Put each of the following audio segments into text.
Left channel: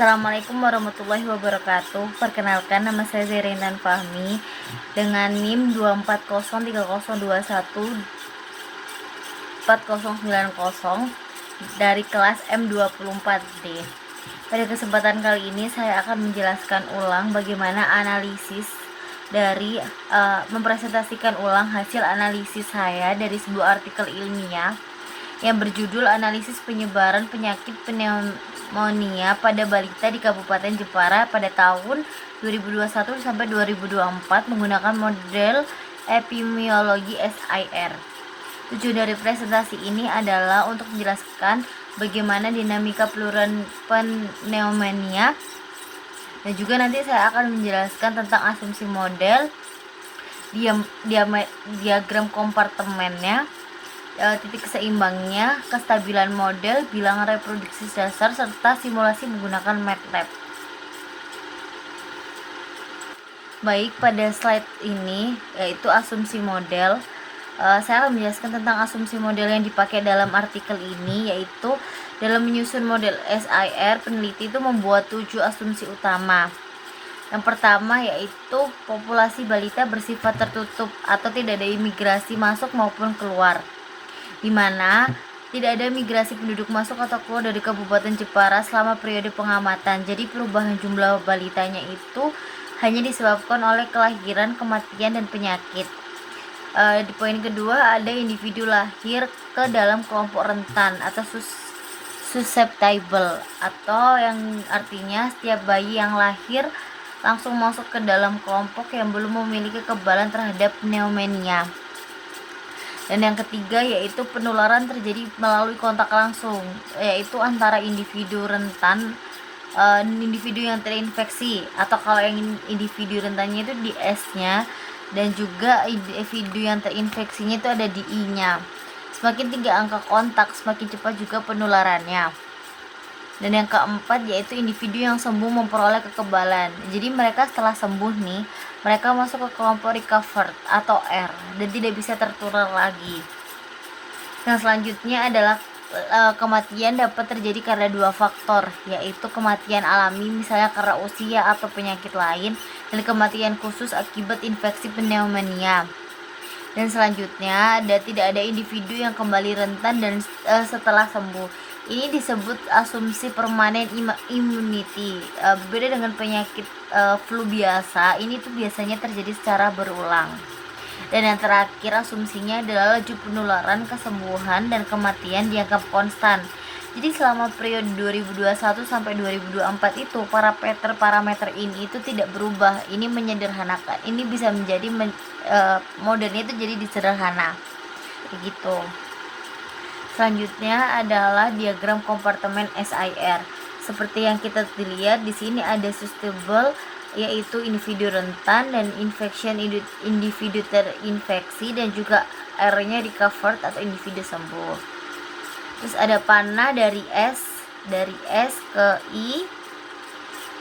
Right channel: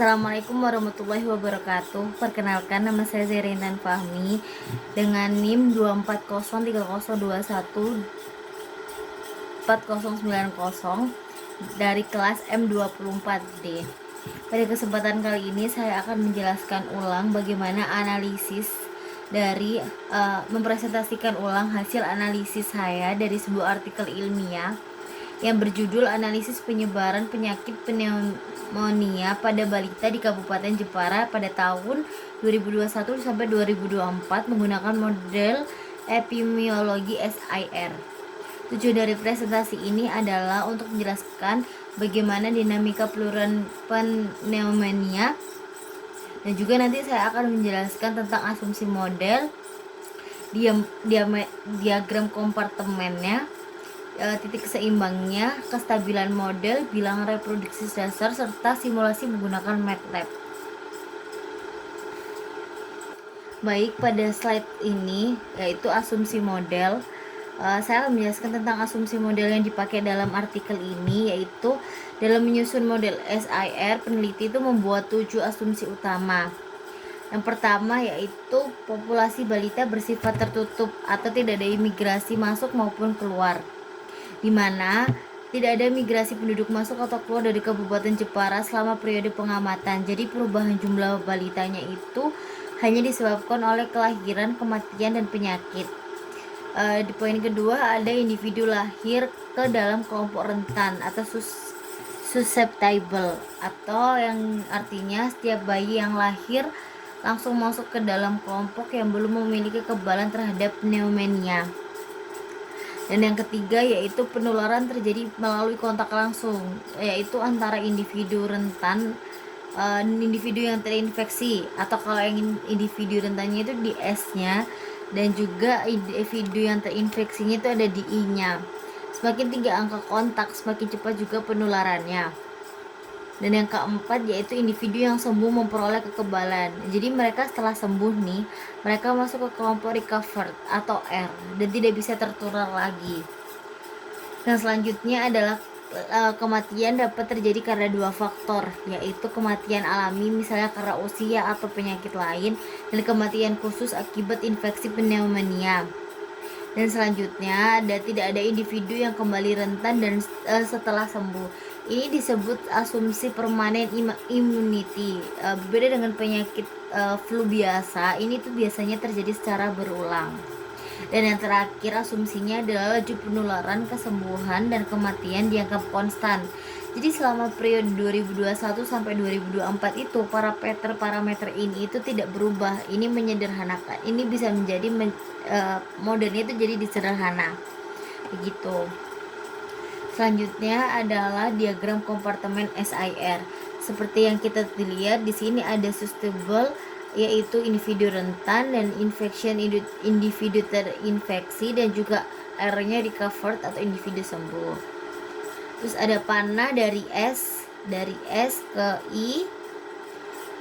Assalamualaikum warahmatullahi wabarakatuh. Perkenalkan, nama saya Zerintan Fahmi dengan NIM 24030214090 dari kelas M24D. Pada kesempatan kali ini saya akan menjelaskan ulang bagaimana analisis dari mempresentasikan ulang hasil analisis saya dari sebuah artikel ilmiah yang berjudul Analisis Penyebaran Penyakit Pneumonia pada Balita di Kabupaten Jepara pada tahun 2021 sampai 2024 menggunakan model epidemiologi SIR. Tujuan dari presentasi ini adalah untuk menjelaskan bagaimana dinamika penularan pneumonia, dan juga nanti saya akan menjelaskan tentang asumsi model, diagram kompartemennya, titik seimbangnya, kestabilan model, bilangan reproduksi dasar, serta simulasi menggunakan MATLAB. Baik, pada slide ini yaitu asumsi model. Saya akan menjelaskan tentang asumsi model yang dipakai dalam artikel ini, yaitu dalam menyusun model SIR, peneliti itu membuat 7 asumsi utama. Yang pertama yaitu populasi balita bersifat tertutup atau tidak ada imigrasi masuk maupun keluar, di mana tidak ada migrasi penduduk masuk atau keluar dari Kabupaten Jepara selama periode pengamatan. Jadi perubahan jumlah balitanya itu hanya disebabkan oleh kelahiran, kematian, dan penyakit. Di poin kedua, ada individu lahir ke dalam kelompok rentan atau susceptible, atau yang artinya setiap bayi yang lahir langsung masuk ke dalam kelompok yang belum memiliki kekebalan terhadap pneumonia. Dan yang ketiga yaitu penularan terjadi melalui kontak langsung, yaitu antara individu rentan, individu yang terinfeksi, atau kalau yang individu rentannya itu di S-nya, dan juga individu yang terinfeksinya itu ada di I-nya. Semakin tinggi angka kontak, semakin cepat juga penularannya. Dan yang keempat yaitu individu yang sembuh memperoleh kekebalan. Jadi mereka setelah sembuh nih, mereka masuk ke kelompok recovered atau R dan tidak bisa tertular lagi. Yang selanjutnya adalah kematian dapat terjadi karena 2 faktor, yaitu kematian alami misalnya karena usia atau penyakit lain, dan kematian khusus akibat infeksi pneumonia. Dan selanjutnya tidak ada individu yang kembali rentan dan setelah sembuh. Ini disebut asumsi permanent immunity. Berbeda dengan penyakit flu biasa, ini tuh biasanya terjadi secara berulang. Dan yang terakhir asumsinya adalah laju penularan, kesembuhan, dan kematian dianggap konstan. Jadi selama periode 2021 sampai 2024 itu parameter ini itu tidak berubah. Ini menyederhanakan. Ini bisa menjadi modelnya itu jadi disederhana. Begitu. Selanjutnya adalah diagram kompartemen SIR. Seperti yang kita lihat di sini ada susceptible, yaitu individu rentan, dan infection individu terinfeksi, dan juga R-nya recovered atau individu sembuh. Terus ada panah dari S ke I.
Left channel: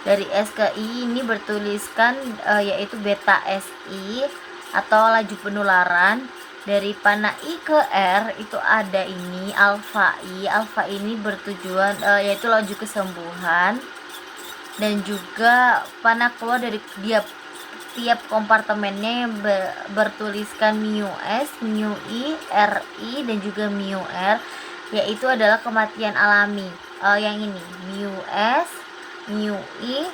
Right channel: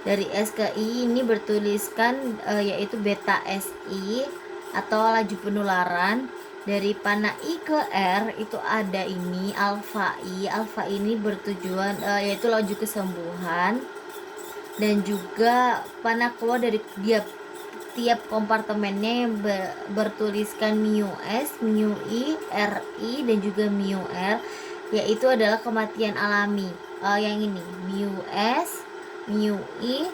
Dari S ke I ini bertuliskan yaitu beta SI atau laju penularan. Dari panah I ke R itu ada ini alfa I. Alfa ini bertujuan yaitu laju kesembuhan. Dan juga panah keluar dari tiap kompartemennya yang bertuliskan mu S, mu I, RI, dan juga mu R, yaitu adalah kematian alami. Yang ini mu S, mu I,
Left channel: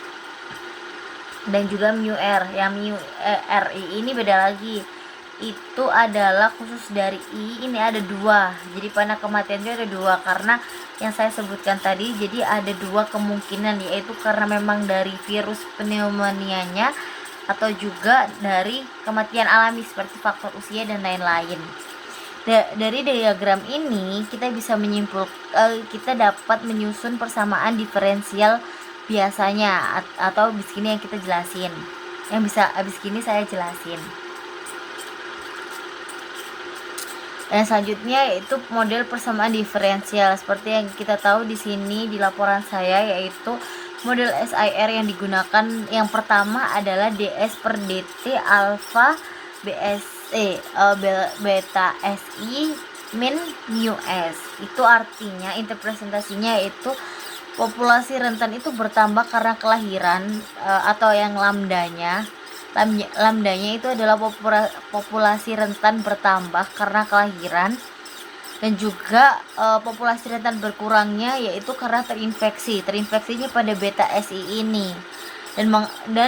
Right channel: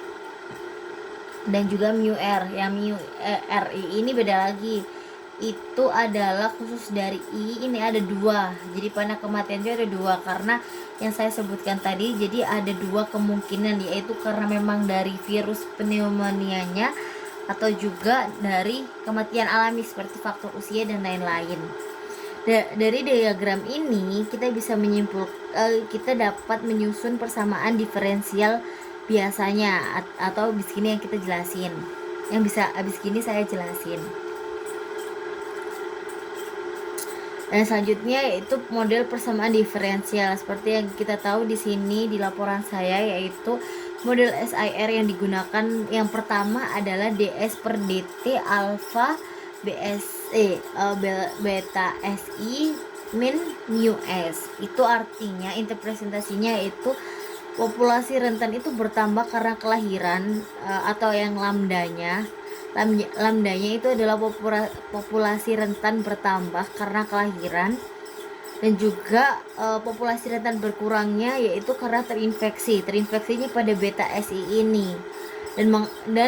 dan juga mu R. Yang mu RI ini beda lagi, itu adalah khusus dari I. Ini ada 2, jadi panah kematian itu ada 2 karena yang saya sebutkan tadi. Jadi ada 2 kemungkinan, yaitu karena memang dari virus pneumonianya atau juga dari kematian alami seperti faktor usia dan lain-lain. Dari diagram ini kita bisa kita dapat menyusun persamaan diferensial biasanya, atau abis ini yang kita jelasin, yang bisa abis ini saya jelasin. Dan selanjutnya yaitu model persamaan diferensial. Seperti yang kita tahu di sini di laporan saya, yaitu model SIR yang digunakan yang pertama adalah DS per DT alfa beta SI min mu S. Itu artinya interpretasinya itu Populasi rentan itu bertambah karena kelahiran atau yang lambdanya. Lambdanya itu adalah populasi rentan bertambah karena kelahiran, dan juga populasi rentan berkurangnya yaitu karena terinfeksinya pada beta SI ini dan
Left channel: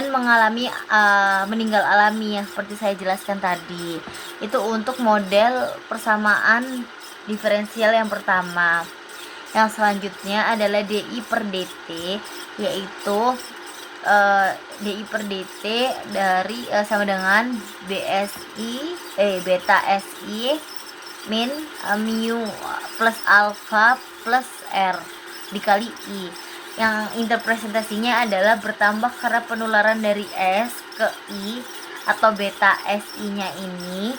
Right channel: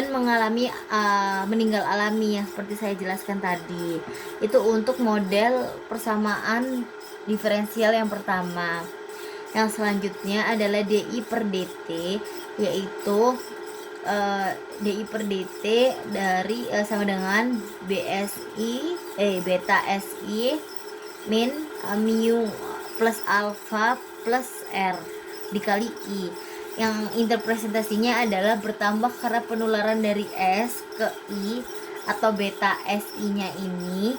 mengalami meninggal alami yang seperti saya jelaskan tadi. Itu untuk model persamaan diferensial yang pertama. Yang selanjutnya adalah DI per DT, yaitu DI per DT dari sama dengan beta SI min mu plus alpha plus R dikali I, yang interpresentasinya adalah bertambah karena penularan dari S ke I atau beta SI nya ini,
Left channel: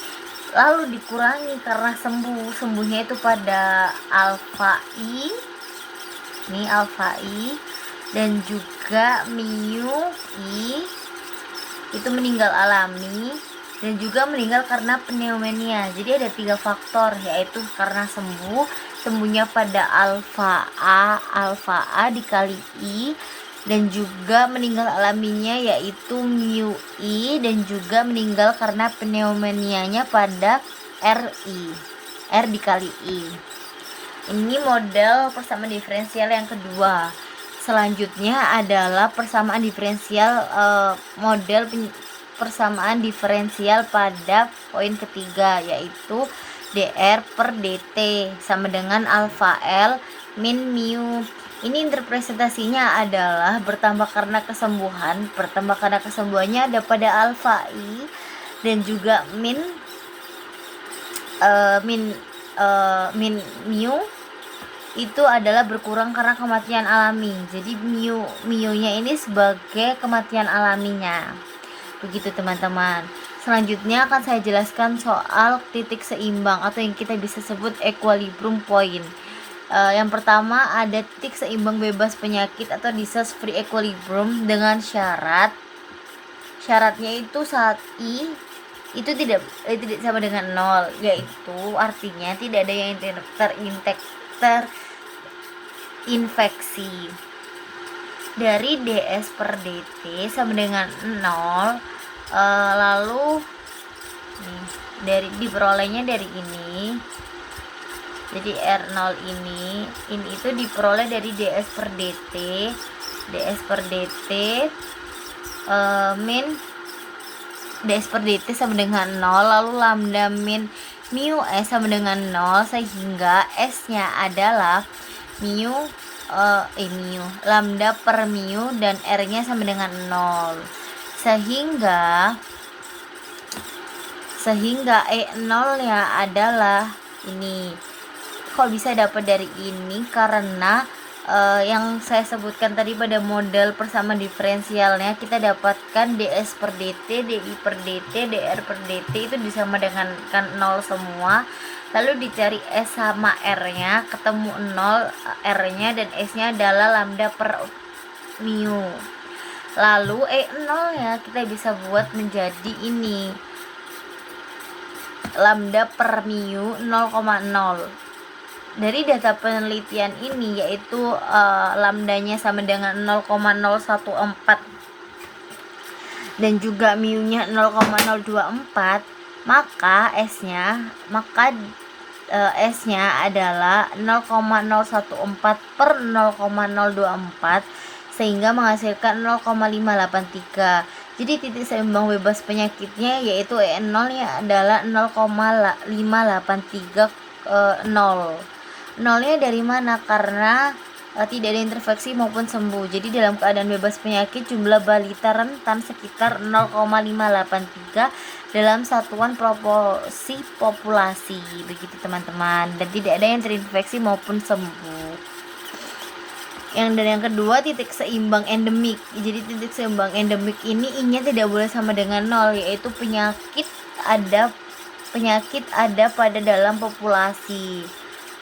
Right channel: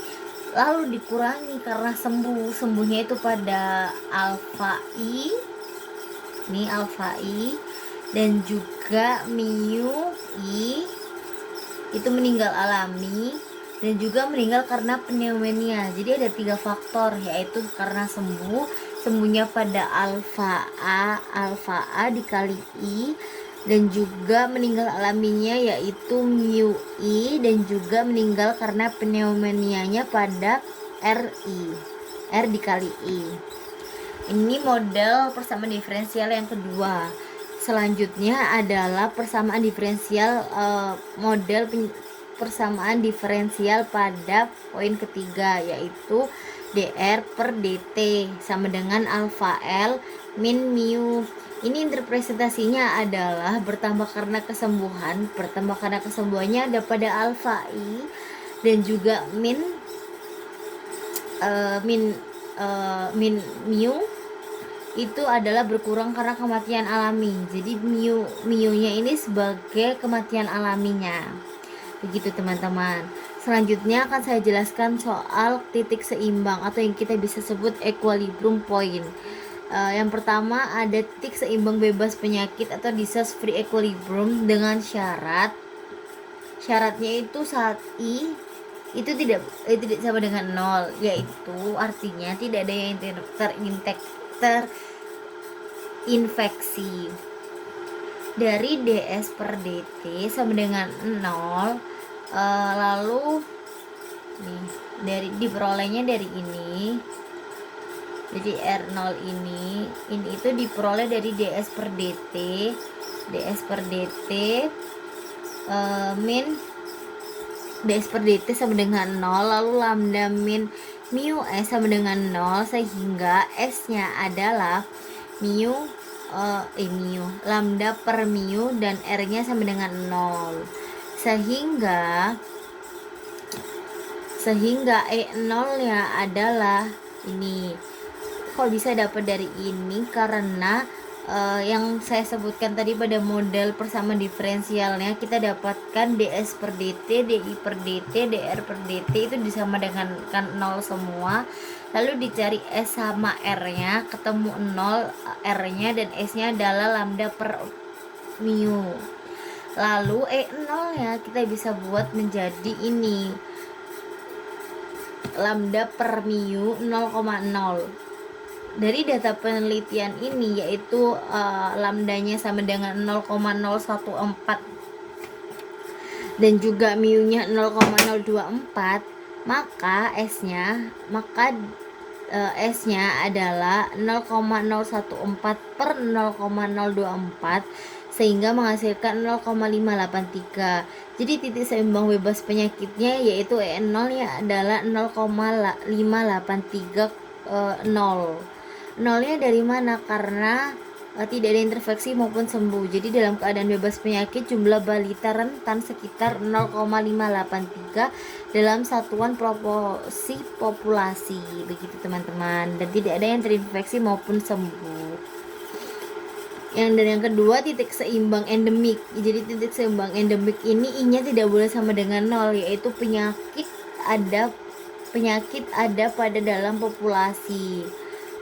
lalu dikurangi karena sembuhnya itu pada alfa I, ini alfa I, dan juga mu I itu meninggal alami, dan juga meninggal karena pneumonia. Jadi ada 3 faktor, yaitu karena sembuhnya pada alfa A dikali I, dan juga meninggal alaminya yaitu mu I, dan juga meninggal karena pneumonianya pada R dikali I. Ini model persamaan diferensial yang kedua. Selanjutnya adalah persamaan diferensial model persamaan diferensial pada poin ketiga, yaitu dr per dt sama dengan alfa L min mu. Ini interpretasinya adalah bertambah karena kesembuhannya ada pada alfa I, dan juga min mu itu adalah berkurang karena kematian alami. Jadi mu-nya ini sebagai kematian alaminya. Begitu teman-teman. Selanjutnya akan saya jelaskan soal titik seimbang atau yang kita bisa sebut equilibrium point. Yang pertama ada titik seimbang bebas penyakit atau disease free equilibrium dengan syaratnya itu saat I itu tidak sama dengan 0, yaitu artinya tidak ada yang terinfeksi. Dari ds per dt sama dengan 0, lalu diperolehnya dari ini. Jadi R0 ini itu diperoleh dari ds per dt min ds per dt sama dengan 0, lalu lambda min mu S sama dengan 0, sehingga S nya adalah mu lambda per mu, dan R nya sama dengan 0, sehingga E0 nya adalah ini. Kok bisa dapat dari ini? Karena yang saya sebutkan tadi pada model persamaan diferensialnya, kita dapatkan ds per dt, di per dt, dr per dt itu disama dengan 0 semua. Lalu dicari S sama R nya, ketemu 0 R nya, dan S nya adalah lambda per mu. Lalu E0 nya kita bisa buat menjadi ini, lambda per mu 0,0. Dari data penelitian ini, yaitu lambdanya sama dengan 0,014 dan juga mu-nya 0,024, maka S-nya adalah 0,014 per 0,024, sehingga menghasilkan 0,583. Jadi titik seimbang bebas penyakitnya yaitu E0 nya adalah 0,583 nolnya dari mana? Karena tidak ada infeksi maupun sembuh. Jadi dalam keadaan bebas penyakit, jumlah balita rentan sekitar 0,583 dalam satuan proporsi populasi. Begitu teman-teman. Dan tidak ada yang terinfeksi maupun sembuh. Yang kedua, titik seimbang endemik. Jadi titik seimbang endemik ini I-nya tidak boleh sama dengan 0, yaitu penyakit ada pada dalam populasi.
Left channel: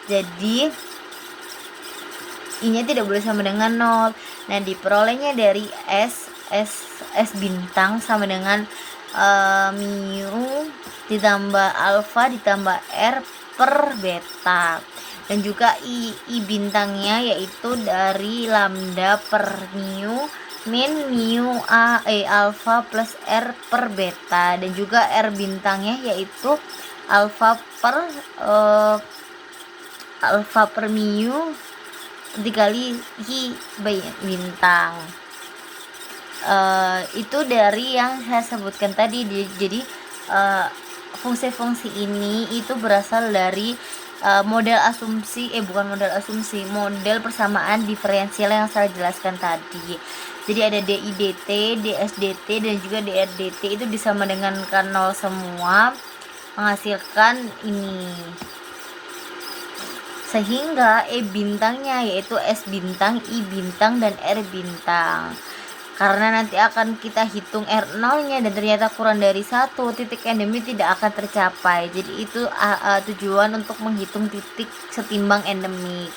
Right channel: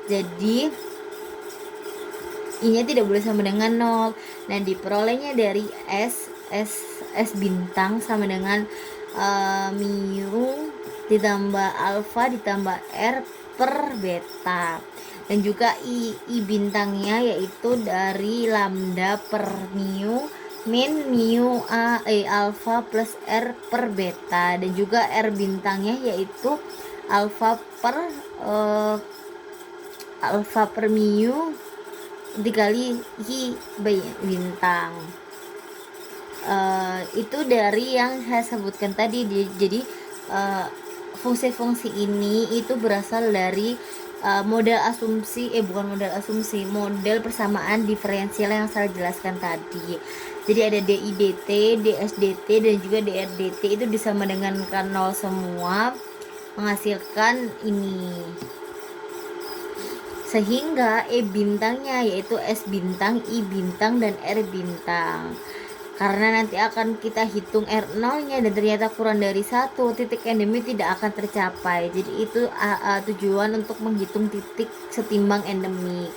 Jadi I-nya tidak boleh sama dengan 0. Nah, diperolehnya dari S bintang sama dengan mu ditambah alfa ditambah R per beta. Dan juga I bintangnya yaitu dari lambda per mu min mu alpha plus R per beta. Dan juga R bintangnya yaitu alpha per mu dikali I bintang. Itu dari yang saya sebutkan tadi. Jadi fungsi-fungsi ini itu berasal dari model persamaan diferensial yang saya jelaskan tadi. Jadi ada DIDT, DSDT dan juga DRDT itu disama dengan K0 semua, menghasilkan ini. Sehingga E bintangnya yaitu S bintang, I bintang dan R bintang. Karena nanti akan kita hitung R0 nya dan ternyata kurang dari 1, titik endemi tidak akan tercapai. Jadi itu tujuan untuk menghitung titik setimbang endemik.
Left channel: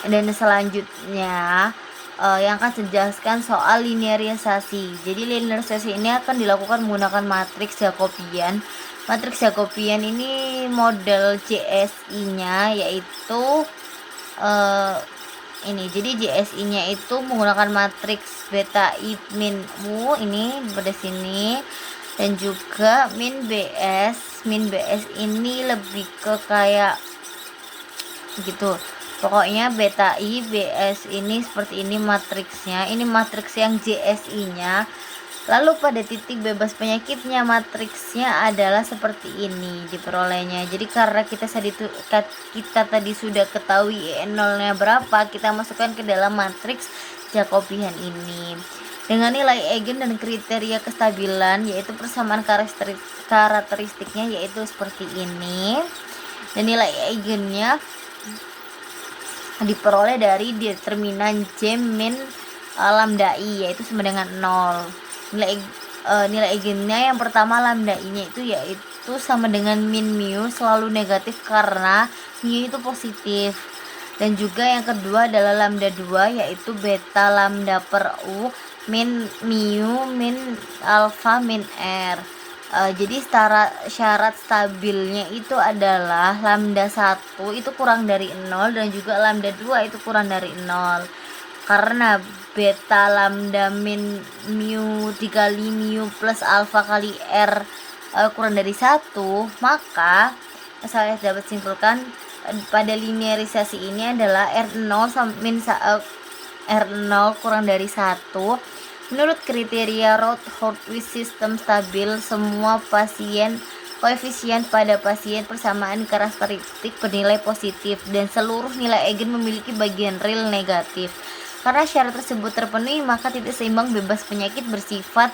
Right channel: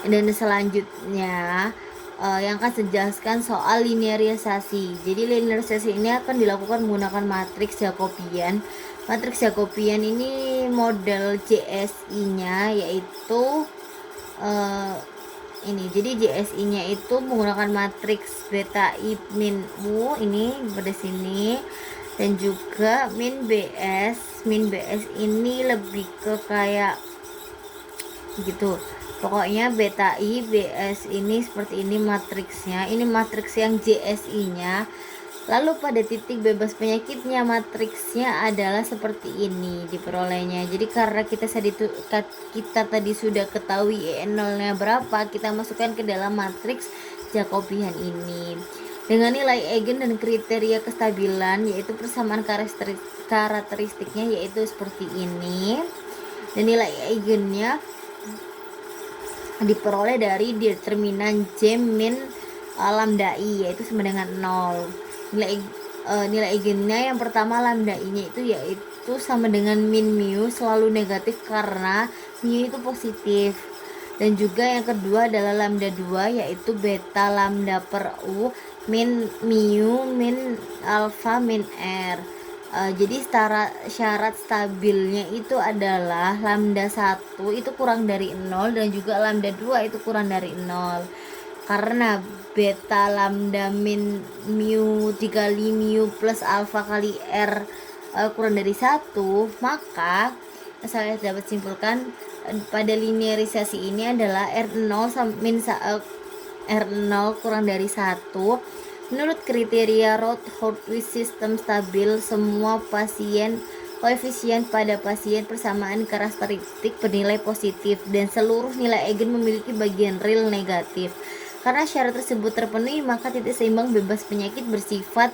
Dan selanjutnya yang akan saya jelaskan soal linearisasi. Jadi linearisasi ini akan dilakukan menggunakan matriks Jacobian. Matriks Jacobian ini model JSI nya yaitu ini. Jadi JSI nya itu menggunakan matriks beta I min mu ini pada sini, dan juga min BS ini lebih ke kayak gitu. Pokoknya beta I BS ini seperti ini matriksnya. Ini matriks yang JSI nya. Lalu pada titik bebas penyakitnya matriksnya adalah seperti ini diperolehnya. Jadi karena kita tadi sudah ketahui E0 nya berapa, kita masukkan ke dalam matriks Jacobian ini. Dengan nilai eigen dan kriteria kestabilan yaitu persamaan karakteristiknya yaitu seperti ini. Dan nilai eigennya diperoleh dari determinan J min lambda I yaitu sama dengan 0. Nilai eigennya yang pertama lambda I nya yaitu sama dengan min mu selalu negatif karena mu itu positif. Dan juga yang kedua adalah lambda 2 yaitu beta lambda per U min mu min alpha min R. Jadi syarat stabilnya itu adalah lambda 1 itu kurang dari 0 dan juga lambda 2 itu kurang dari 0. Karena beta lambda min mu dikali mu plus alpha kali R kurang dari 1, maka saya dapat simpulkan pada linearisasi ini adalah R0 R0 kurang dari 1. Menurut kriteria Rothaus sistem stabil, semua koefisien pada pasien persamaan karakteristik bernilai positif dan seluruh nilai eigen memiliki bagian real negatif. Karena syarat tersebut terpenuhi, maka titik seimbang bebas penyakit bersifat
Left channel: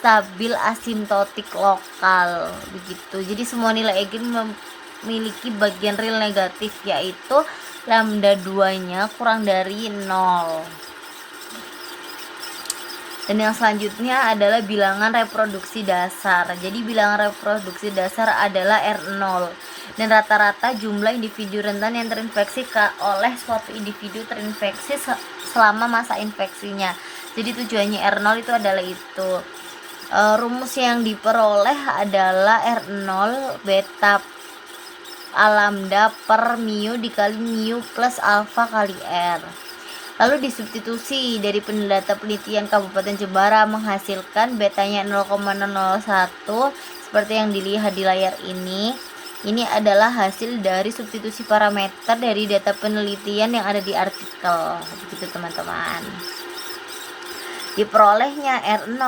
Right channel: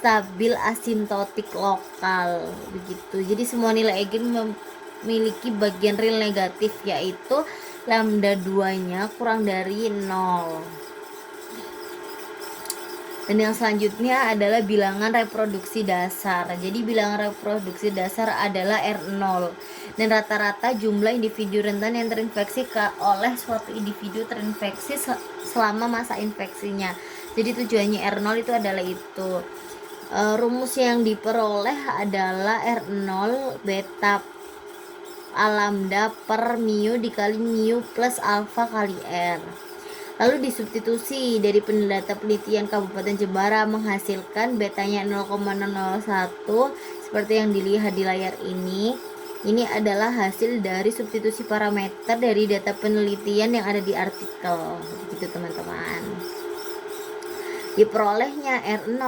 stabil asimptotik lokal begitu. Jadi semua nilai eigen memiliki bagian real negatif yaitu lambda 2 nya kurang dari 0. Dan yang selanjutnya adalah bilangan reproduksi dasar. Jadi bilangan reproduksi dasar adalah R0 dan rata-rata jumlah individu rentan yang terinfeksi oleh suatu individu terinfeksi selama masa infeksinya. Jadi tujuannya R0 itu adalah itu. Rumus yang diperoleh adalah R0 beta lambda per mu dikali mu plus alpha kali R. Lalu disubstitusi dari data penelitian Kabupaten Jepara menghasilkan betanya 0,001 seperti yang dilihat di layar ini. Ini adalah hasil dari substitusi parameter dari data penelitian yang ada di artikel. Begitu teman-teman. Diperolehnya R0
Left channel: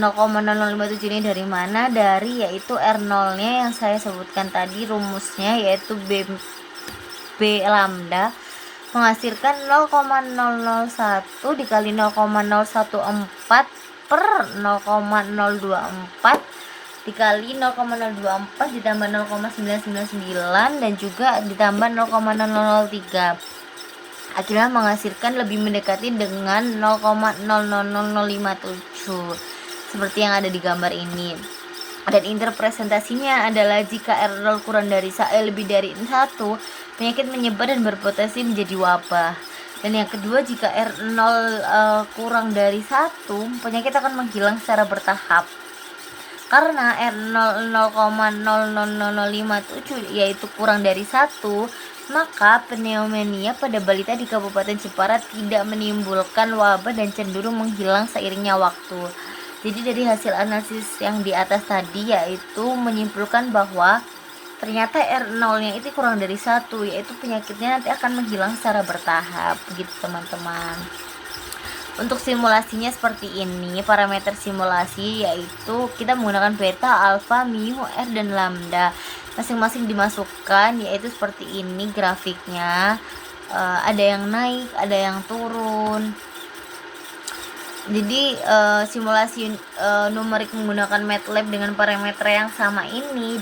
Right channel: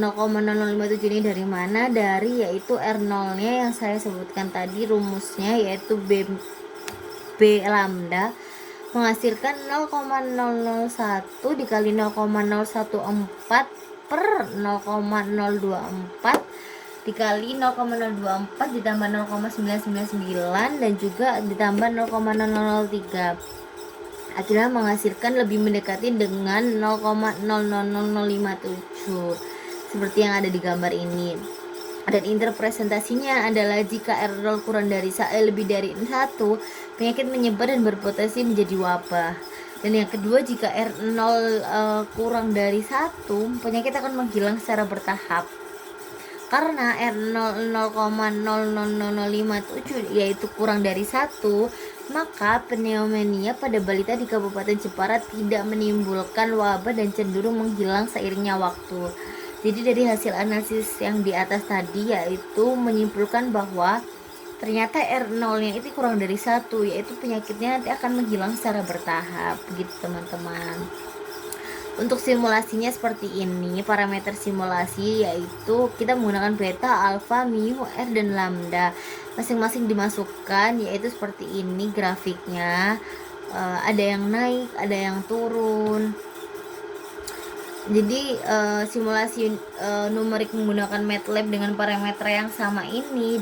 0,057 ini dari mana? Dari yaitu R0 nya yang saya sebutkan tadi rumusnya yaitu B lambda menghasilkan 0,001 dikali 0,014 per 0,024 dikali 0,024 ditambah 0,999 dan juga ditambah 0,003. Akhirnya menghasilkan lebih mendekati dengan 0,000057 seperti yang ada di gambar ini. Dan interpretasinya adalah jika R0 kurang dari lebih dari 1, penyakit menyebar dan berpotensi menjadi wabah. Dan yang kedua, jika R0 kurang dari 1, penyakit akan menghilang secara bertahap. Karena R00,00005 yaitu kurang dari 1, maka pneumonia pada balita di Kabupaten Jepara tidak menimbulkan wabah dan cenderung menghilang seiringnya waktu. Jadi dari hasil analisis yang di atas tadi yaitu menyimpulkan bahwa ternyata R0-nya itu kurang dari 1, yaitu penyakitnya nanti akan menghilang secara bertahap gitu teman-teman. Untuk simulasinya seperti ini, parameter simulasi yaitu kita menggunakan beta, alfa, mu, r, dan lambda. Masing-masing dimasukkan yaitu seperti ini grafiknya. Ada yang naik, ada yang turun. Jadi simulasi numerik menggunakan MATLAB dengan parameter yang sama ini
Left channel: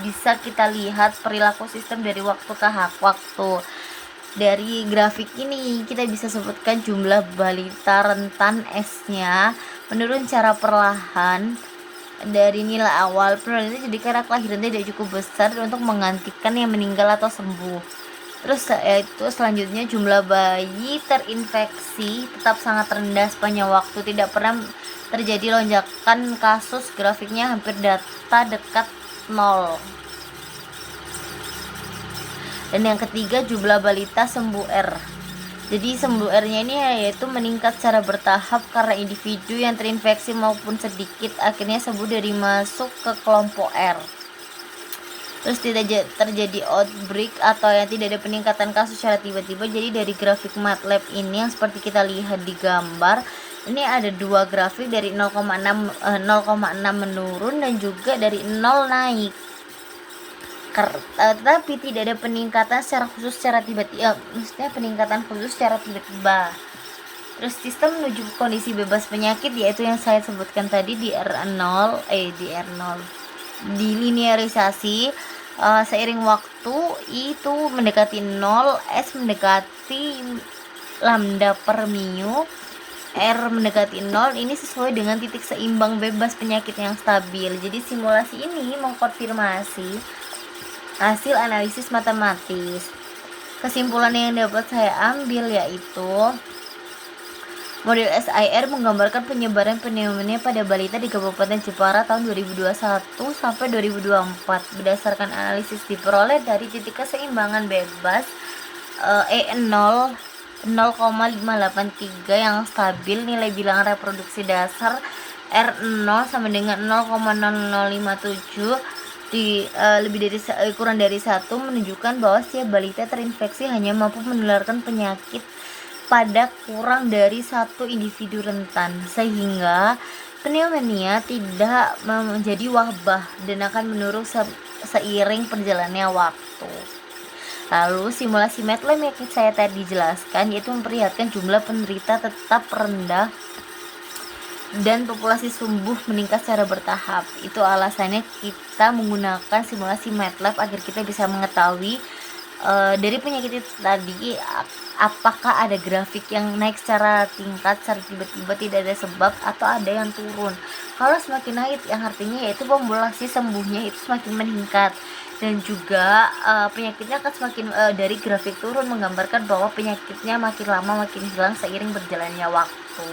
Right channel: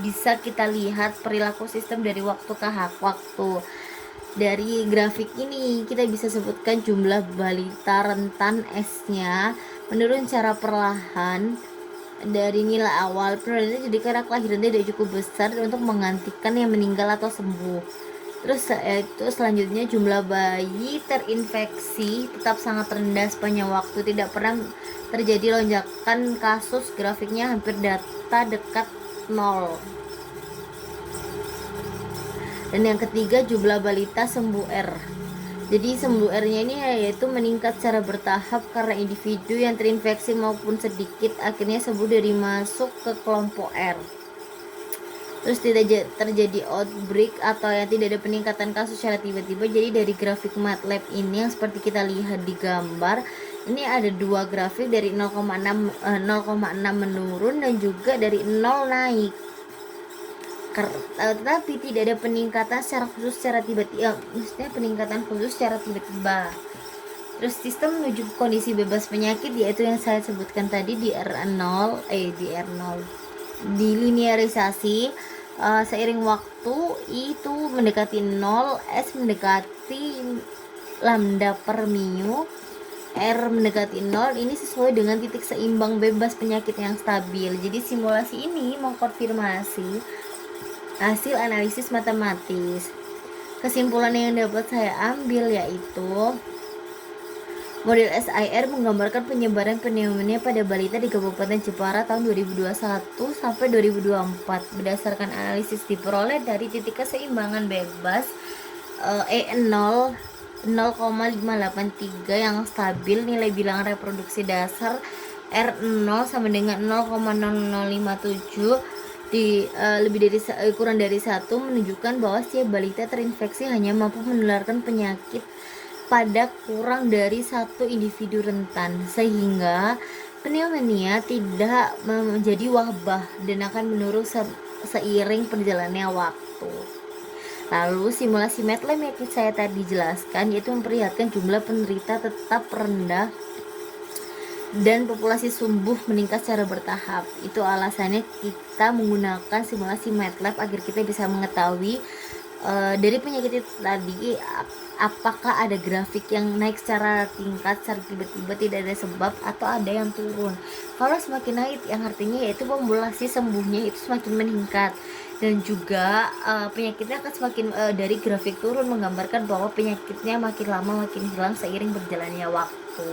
bisa kita lihat perilaku sistem dari waktu ke waktu. Dari grafik ini kita bisa sebutkan jumlah balita rentan S-nya menurun secara perlahan dari nilai awal penurunannya, jadi karena kelahirannya tidak cukup besar untuk menggantikan yang meninggal atau sembuh. Terus yaitu selanjutnya jumlah bayi terinfeksi tetap sangat rendah sepanjang waktu, tidak pernah terjadi lonjakan kasus, grafiknya hampir data dekat 0. Dan yang ketiga jumlah balita sembuh R. Jadi sembuh R-nya ini yaitu meningkat secara bertahap karena individu yang terinfeksi maupun sedikit akhirnya sembuh dari masuk ke kelompok R. Terus tidak terjadi outbreak atau yang tidak ada peningkatan kasus secara tiba-tiba. Jadi dari grafik MATLAB ini yang seperti kita lihat di gambar, ini ada dua grafik dari 0,6 menurun dan juga dari 0 naik. Tetapi tidak ada peningkatan secara khusus secara tiba-tiba, maksudnya peningkatan khusus secara tiba-tiba. Terus sistem menuju kondisi bebas penyakit yaitu yang saya sebutkan tadi di R0 di linearisasi seiring waktu itu mendekati 0, S mendekati lambda per mu, R mendekati 0. Ini sesuai dengan titik seimbang bebas penyakit yang stabil. Jadi simulasi ini mengkonfirmasi hasil analisis matematis. Kesimpulan yang dapat saya ambil yaitu model SIR menggambarkan penyebaran pneumonia pada balita di Kabupaten Jepara tahun 2021 sampai 2024 berdasarkan analisis diperoleh dari titik keseimbangan bebas E0 0,583 yang stabil, nilai bilangan reproduksi dasar R0 sama dengan 0,0057 kurang dari 1 menunjukkan bahwa setiap balita terinfeksi hanya mampu menularkan penyakit pada kurang dari 1 individu rentan, sehingga pneumonia tidak menjadi wabah dan akan menurun seiring perjalannya waktu. Lalu simulasi MATLAB yang saya tadi jelaskan yaitu memperlihatkan jumlah penderita tetap rendah dan populasi sembuh meningkat secara bertahap. Itu alasannya kita menggunakan simulasi MATLAB agar kita bisa mengetahui dari penyakit itu tadi apakah ada grafik yang naik secara tingkat secara tiba-tiba tidak ada sebab atau ada yang turun. Kalau semakin naik yang artinya yaitu populasi sembuhnya itu semakin meningkat, dan juga penyakitnya akan semakin dari grafik turun menggambarkan bahwa penyakitnya makin lama makin hilang seiring berjalannya waktu.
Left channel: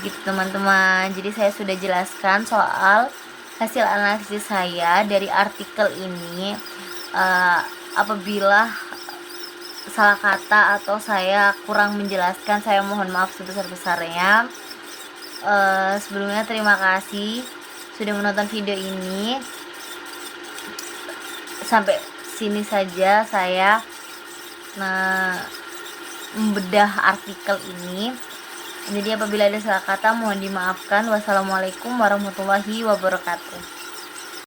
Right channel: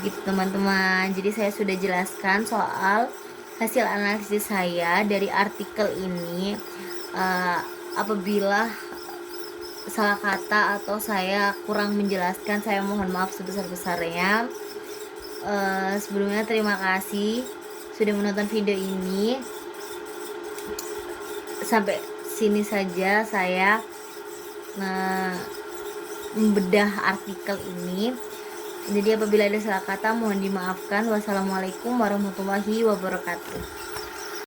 Begitu teman-teman. Jadi saya sudah jelaskan soal hasil analisis saya dari artikel ini. Apabila salah kata atau saya kurang menjelaskan, saya mohon maaf sebesar-besarnya. Sebelumnya terima kasih sudah menonton video ini. Sampai sini saja saya membedah artikel ini. Jadi apabila ada salah kata mohon dimaafkan. Wassalamualaikum warahmatullahi wabarakatuh.